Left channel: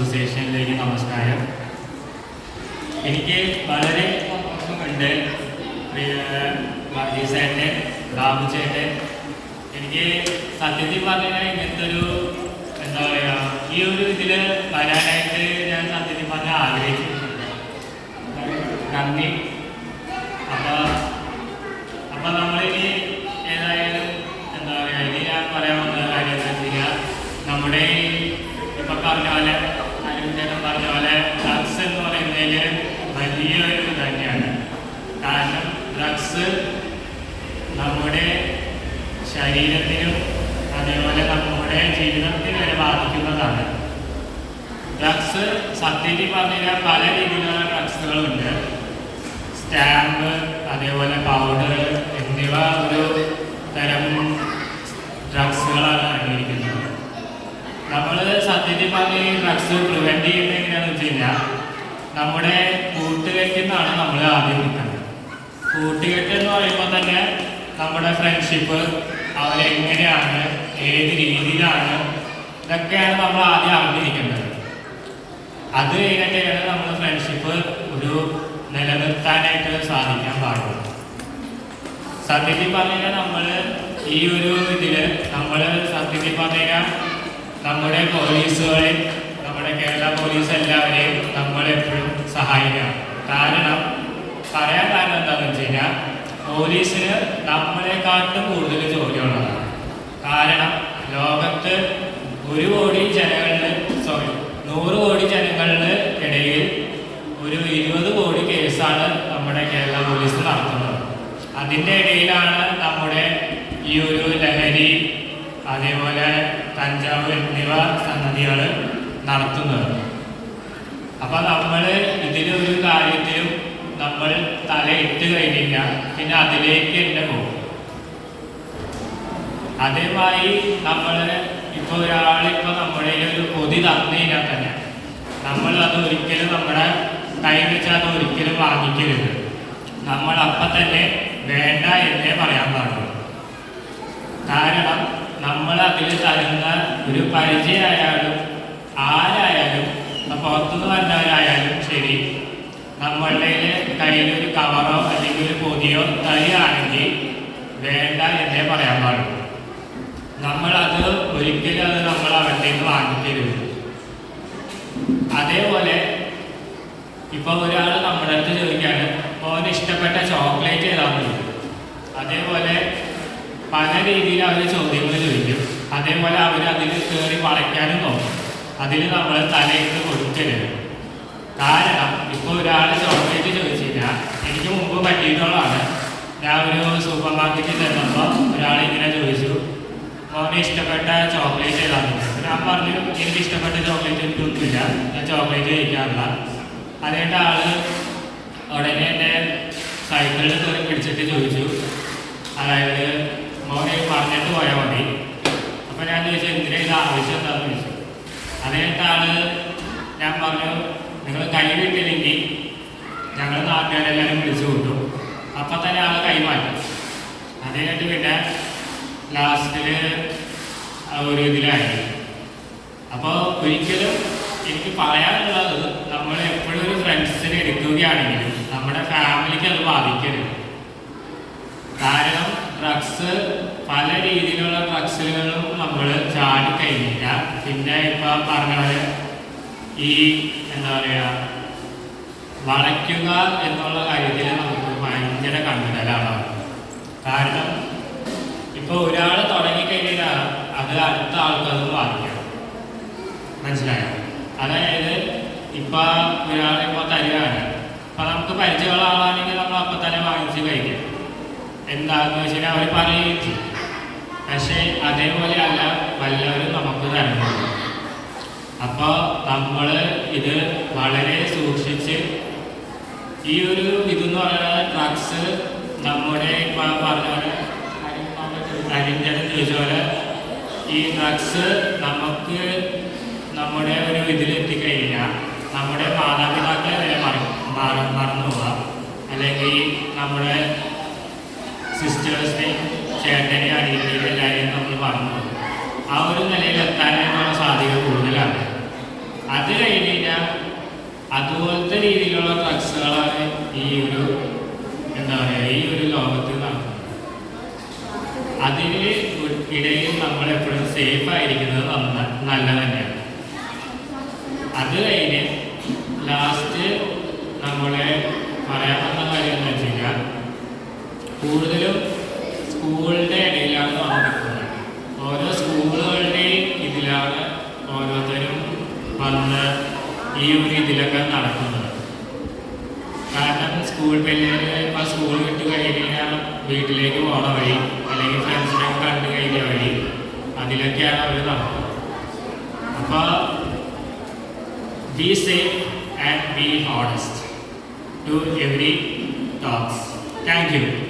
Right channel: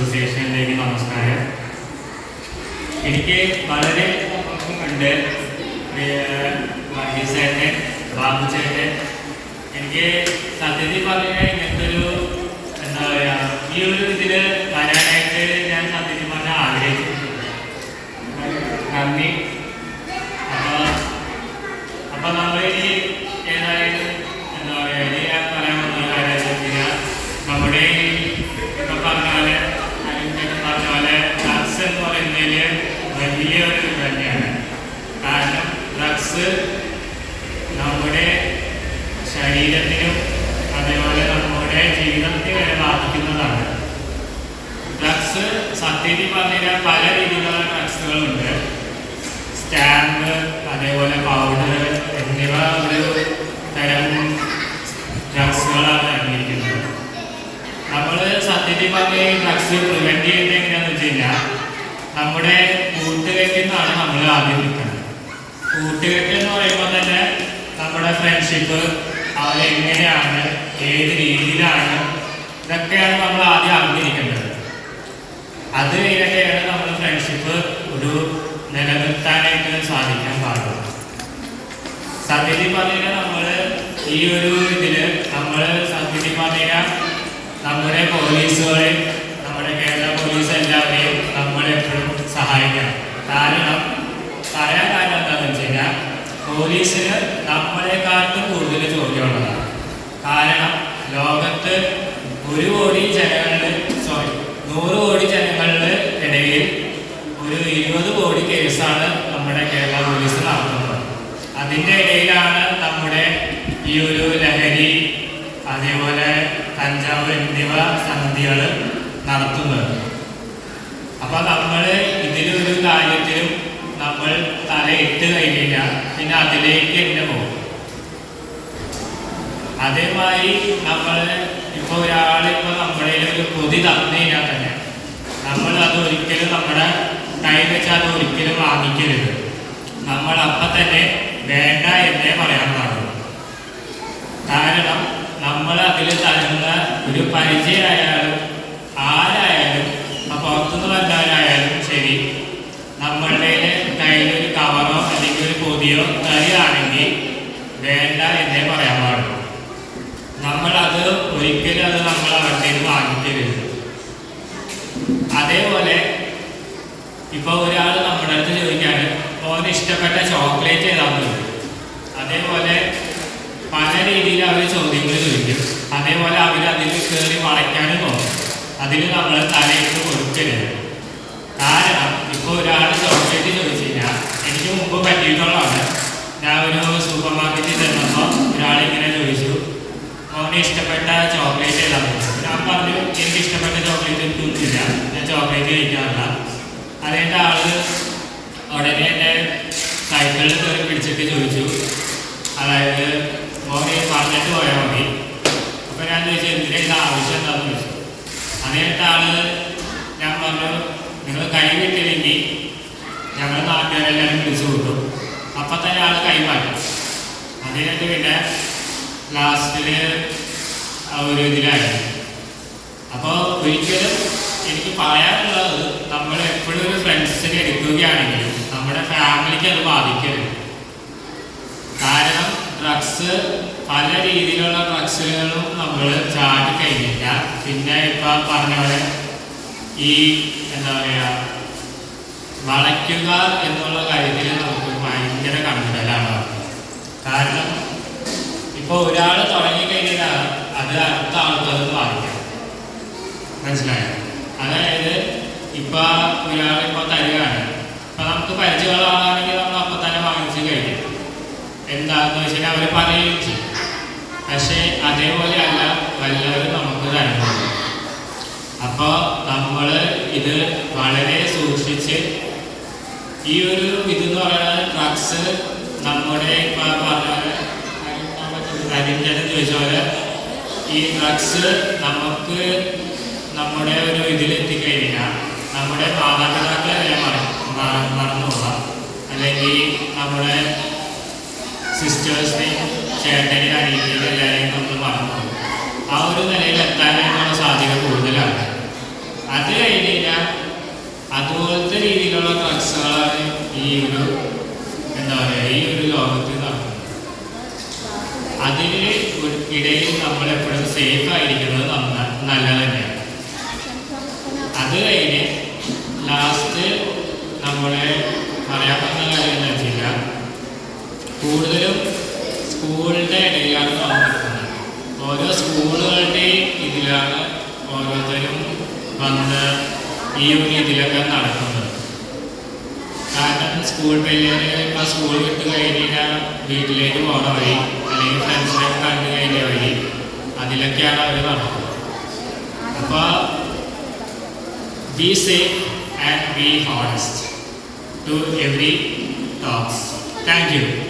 അസോസിയേഷനിലേക്ക് നമസ്കാരം. എനിക്ക് വളരെ സന്തോഷമുണ്ട്. മഹേഷേട്ടൻ, ബാബുചേട്ടൻ, എനിക്ക് സത്യത്തിൽ പറഞ്ഞാൽ ഇങ്ങനത്തെ ഒരു എന്താ പറയുക, ഈ ഒരു ഇതിൽ വരാനായിട്ട് ഞാൻ സത്യത്തിൽ പറഞ്ഞാൽ ആഗ്രഹിച്ചിട്ടുണ്ട്. നന്ദി. അപ്പം നമ്മളിനി ഏതായാലും എന്താ പറയുക, ഇനി ഞാൻ പറയാൻ പോകുന്ന കാര്യം നമ്മുടെ ഇപ്പം പറഞ്ഞ പോലെ അനുചേട്ടൻ പറഞ്ഞ പോലെ ഡ്രഗ്സ് എന്ന് പറയുന്നതിൽ വലിയൊരു ഇത് തന്നെയാണ്. കാരണം ഡ്രഗ്സ് നമ്മുടെ ശരീരത്തിനും അതേപോലെ നമ്മുടെ ജീവിതത്തിന് വരെ ബാധിക്കുന്നതാണ്. ഡ്രഗ്സ് സത്യത്തിൽ പറഞ്ഞാൽ പല രീതിയിലുള്ള ഡ്രഗ്സുകളുണ്ട്. സ്റ്റാമ്പ്, അതേപോലെ പൗഡർ എന്നിവ ഒരു തരം ഡ്രഗ്സുകളാണ് അടങ്ങിയിരിക്കുന്നത്. നമ്മൾ സത്യത്തിൽ പറഞ്ഞ ഡ്രഗ്സ് പ്രിവെൻറ്റ് ചെയ്യുന്നത് എങ്ങനെയാണെന്ന് വെച്ച് കഴിഞ്ഞാൽ നമ്മുടെ കൂട്ടുകെട്ടിൽ നിന്നാണ് നമ്മൾ ആദ്യം നിൽക്കുന്നത്. കൂട്ടുകെട്ട് എന്ന് പറയുമ്പോൾ തന്നെ നമ്മുടെ ഫ്രണ്ട്ഷിപ്പ് അവരെങ്ങനെയാണ്, ഏത് രീതിയിലാണ്, ഇതൊക്കെയാണ് നമ്മൾ ആദ്യം അറിഞ്ഞിരിക്കേണ്ടത്. അത് കഴിഞ്ഞിട്ടാണ് നമ്മൾ ഫ്രണ്ട്ഷിപ്പ് ഒരു നിലനിർത്താനായിട്ട് സാധിക്കാൻ പാടുള്ളൂ. സത്യത്തിൽ പറഞ്ഞാൽ നമ്മൾ ഈ ഒരു ഇതിൽ നമ്മൾ സത്യത്തിൽ പറഞ്ഞാൽ നമ്മുടെ പോലീസുകളെ, നമ്മുടെ കേരള പോലീസ് എല്ലാവരെയും നമ്മളെപ്പോഴും സഹായിക്കണം. കാരണം പറയാൻ കാരണം എന്താണെന്ന് വെച്ച് കഴിഞ്ഞാൽ പോലീസിന് നമ്മളെക്കാട്ടും കൂടുതൽ ജോലിയുള്ളതാണ്. കാരണം ലോകത്ത് 100 കോടി ജനങ്ങളുടെ 100 കോടി ജനങ്ങളുടെ ഇടയിൽ ഒരു 20 കോടി കേസാണ് നമ്മുടെ കേരള പോലീസ് നടത്തുന്നത്. അതിൻ്റെ ഇടയിലാണ് നമ്മുടെ ഈ ഒരു ലഹരി, അതേപോലെ കഞ്ചാവ് എന്നിവ സംഗതികൾ നടത്തുന്നത്. അപ്പോൾ നമ്മൾ ഇതിലൊരു കാര്യത്തിലും നമ്മൾ തലയിട്ട് കഴിഞ്ഞാൽ പിന്നെ അതിലേക്ക് തന്നെ പോകും. അതേമാതിരി നമ്മൾ ഇപ്പോൾ ഒരാളിപ്പോൾ നമ്മുടെ ഒരു പൊതി തന്നു കഴിഞ്ഞാൽ തന്നെ നമ്മൾ അത് ഒരിക്കലും നമ്മുടെ കൈ വെച്ചാൽ അത് ഒരിക്കലും വാങ്ങിക്കരുത്. നമ്മൾ അപ്പം തന്നെ വേണ്ട എന്നേ പറയാൻ പാടുള്ളൂ. കാരണം നമ്മൾ അതിൽ തരുന്ന ഒരു പരിചയമായാലും ആരായാലും, പുറത്തുനിന്ന് വരുന്നവരായാലും ശരി, നമ്മളുടെ കയ്യിലൊരു കവറോ അല്ലെങ്കിൽ ഒരു പൊതിയോ തരികയാണെങ്കിൽ വേണ്ട എന്നേ പറയാൻ പാടുള്ളൂ. നമ്മളത് ഒരിക്കലും അത് നമ്മൾ അവരുടെ നിന്ന് വാങ്ങിക്കരുത്. അതേപോലെ ഇപ്പോൾ ഒരാൾ നമ്മുടെ അടുത്ത് ചോദിക്കുകയാണ് അവന് ഇഷ്ടപ്പെട്ട ചോക്ലേറ്റ് ഏതാണെന്ന് ചോദിക്കും. അതേപോലെ പല രീതിയിൽ അവർ ചോദ്യങ്ങൾ ചോദിക്കും. അതേപോലെ അവർ അതിൽ കയറി വളയ്ക്കാനും നോക്കും. അതിൽ നമ്മൾ തലയിട്ട് കൊടുക്കരുത്. കാരണം ഇപ്പോൾ ഒരാൾ ചോക്ലേറ്റ് ചോദിച്ചു കഴിഞ്ഞാൽ എനിക്ക് മുമ്പ് പറ്റിയിട്ടുള്ളതാണ്. ഞാൻ ഒരു സൂപ്പർ മാർക്കറ്റിൽ ചെന്നപ്പോൾ ഒരാളിങ്ങനെ ചോദിച്ചു അവന് ഇഷ്ടപ്പെട്ട ചോക്ലേറ്റ് ഏതാണെന്ന് ചോദിച്ചു. ഞാൻ പറഞ്ഞു എനിക്ക് ഇഷ്ടപ്പെട്ട ചോക്ലേറ്റ് എനിക്കൊന്നുമില്ല, ഞാൻ ചോക്ലേറ്റ് കഴിക്കാറില്ല. അതിൻ്റെ ആൾ ഉടനെ എന്നെ സൈക്കിളിൽ കയറി പിടിച്ചിട്ട് ചോദിച്ചു, അതായത് മോനെ പറഞ്ഞിട്ട് പോയാൽ മതി. അപ്പോൾ ഞാൻ ചോദിച്ചു എന്തിനാ ഇത് ആവശ്യം എന്താണെന്ന് ചോദിച്ചു. അതിൻ്റെ ആൾ ഞാൻ പറഞ്ഞു നിങ്ങൾ കൈ വിട്ടില്ലെങ്കിൽ ഞങ്ങൾ നാട്ടുകാരെല്ലാവരും വിളിച്ചു കൂട്ടും. അപ്പം തന്നെ ആൾ കൈമാറും. അതിനായിട്ട് പിന്നെ ലാസ്റ്റിൽ ഒരു ഇതിലായിരുന്നു. അപ്പോൾ ഒരിക്കലും എനിക്ക് പറയാനുള്ളത് നമ്മൾ എപ്പോഴും ഒരു ഫ്രണ്ട്സിനെ എടുക്കുകയാണെങ്കിൽ നമ്മുടെ ഫാമിലിക്ക് അത് ബാധിക്കരുത്. കാരണം ഡ്രഗ്സ്, പല രീതിയിലുള്ള ഡ്രഗ്സുകളും നമ്മൾ ചാടിക്കഴിഞ്ഞാൽ പിന്നെ ഇപ്പോൾ പറഞ്ഞ പോലെ ഈ എന്താ പറയുക, വളയ്ക്കുക എന്നുള്ള കാര്യത്തിൽ നമുക്ക് ഭയങ്കര കണ്ടലാണ്. കാരണം ഇപ്പോൾ ഒരാൾ തുടങ്ങിക്കഴിഞ്ഞാൽ അത് അടുത്ത ആൾക്കത് ബാധിക്കും. മനസ്സിലായോ? അതായത് ഇപ്പോൾ ഒരാളിപ്പോൾ തരികയാണ്, ഇപ്പം നമുക്ക് പരിചയമുള്ള ആളാണെങ്കിൽ നമ്മൾ അപ്പം തന്നെ വാങ്ങിച്ച് കഴിക്കും. എന്താണെന്ന് വെച്ചാൽ അവർ പറയുകയും ചെയ്യും. പക്ഷേ അതേപോലെ അല്ല വല്ലവരും നമുക്ക് തരുന്നത്. അപ്പോൾ നമ്മൾ ഇത് വളരെ സൂക്ഷിച്ച് ഈ ഒരു ഇതെന്ന് പറയുന്നത് ഡ്രഗ്സ് നമ്മുടെ ഇപ്പം പറഞ്ഞാൽ അതിൻ്റെ ചോദിച്ച പോലെ ഈ ഡ്രഗ്സ് നമുക്ക് നമ്മുടെ ഒരു ഇതിലെത്തിക്കഴിഞ്ഞാൽ നമ്മുടെ മാതാപിതാക്കളെ വരെ മറന്നു പോകാം. അല്ലെങ്കിൽ നമ്മുടെ സിസ്റ്റേഴ്സിനെയും ചേട്ടനെയും അനിയനെയും എല്ലാവരെയും നമ്മൾ മറന്നു പോകും. ആ ഒരു നിലയിൽ എത്താനായിട്ടുള്ള സാധ്യത കൂടുതലാണ്. അത് അതുപോലത്തെ രീതിയിലുള്ള ഡ്രഗ്സുകളാണ് ഈ ഒരു എന്താ പറയുക ഈ ഒരു ലോകത്ത് നടക്കുന്നത്. അതിന് ഇടയിൽ നമ്മളെപ്പോഴും സേഫ് ആയിരിക്കുന്നത് നല്ലത് തന്നെയാണ്. അത് കഴിഞ്ഞ് ലാസ്റ്റ് നമ്മളെ പറയാൻ പറ്റുന്ന കാര്യം എന്ന് വെച്ച് കഴിഞ്ഞാൽ കൂടുതലും സ്കൂളിൻ്റെ ഇടയിലാണ് നമ്മൾ നിൽക്കുന്നത്. ഓരോ സ്കൂളുകളുടെയും ഇതിലാണ് ഓരോരുത്തരും വന്ന് ഈ ഒരു ഇതിലൊക്കെ നടക്കുന്നത്. കാരണം സ്കൂൾ പിള്ളേർ ഇപ്പോൾ സ്കൂൾ വിട്ട് കഴിഞ്ഞാൽ വീട്ടിലേക്ക് പോകണ വഴി അല്ലെങ്കിൽ ഫ്രണ്ട്സിനൊക്കെ കണ്ടു കഴിഞ്ഞ വഴി അതിലൊക്കെയാണ് അവർ നടക്കുന്നത്. അപ്പോൾ be safe and be honest to every talks. Thank you.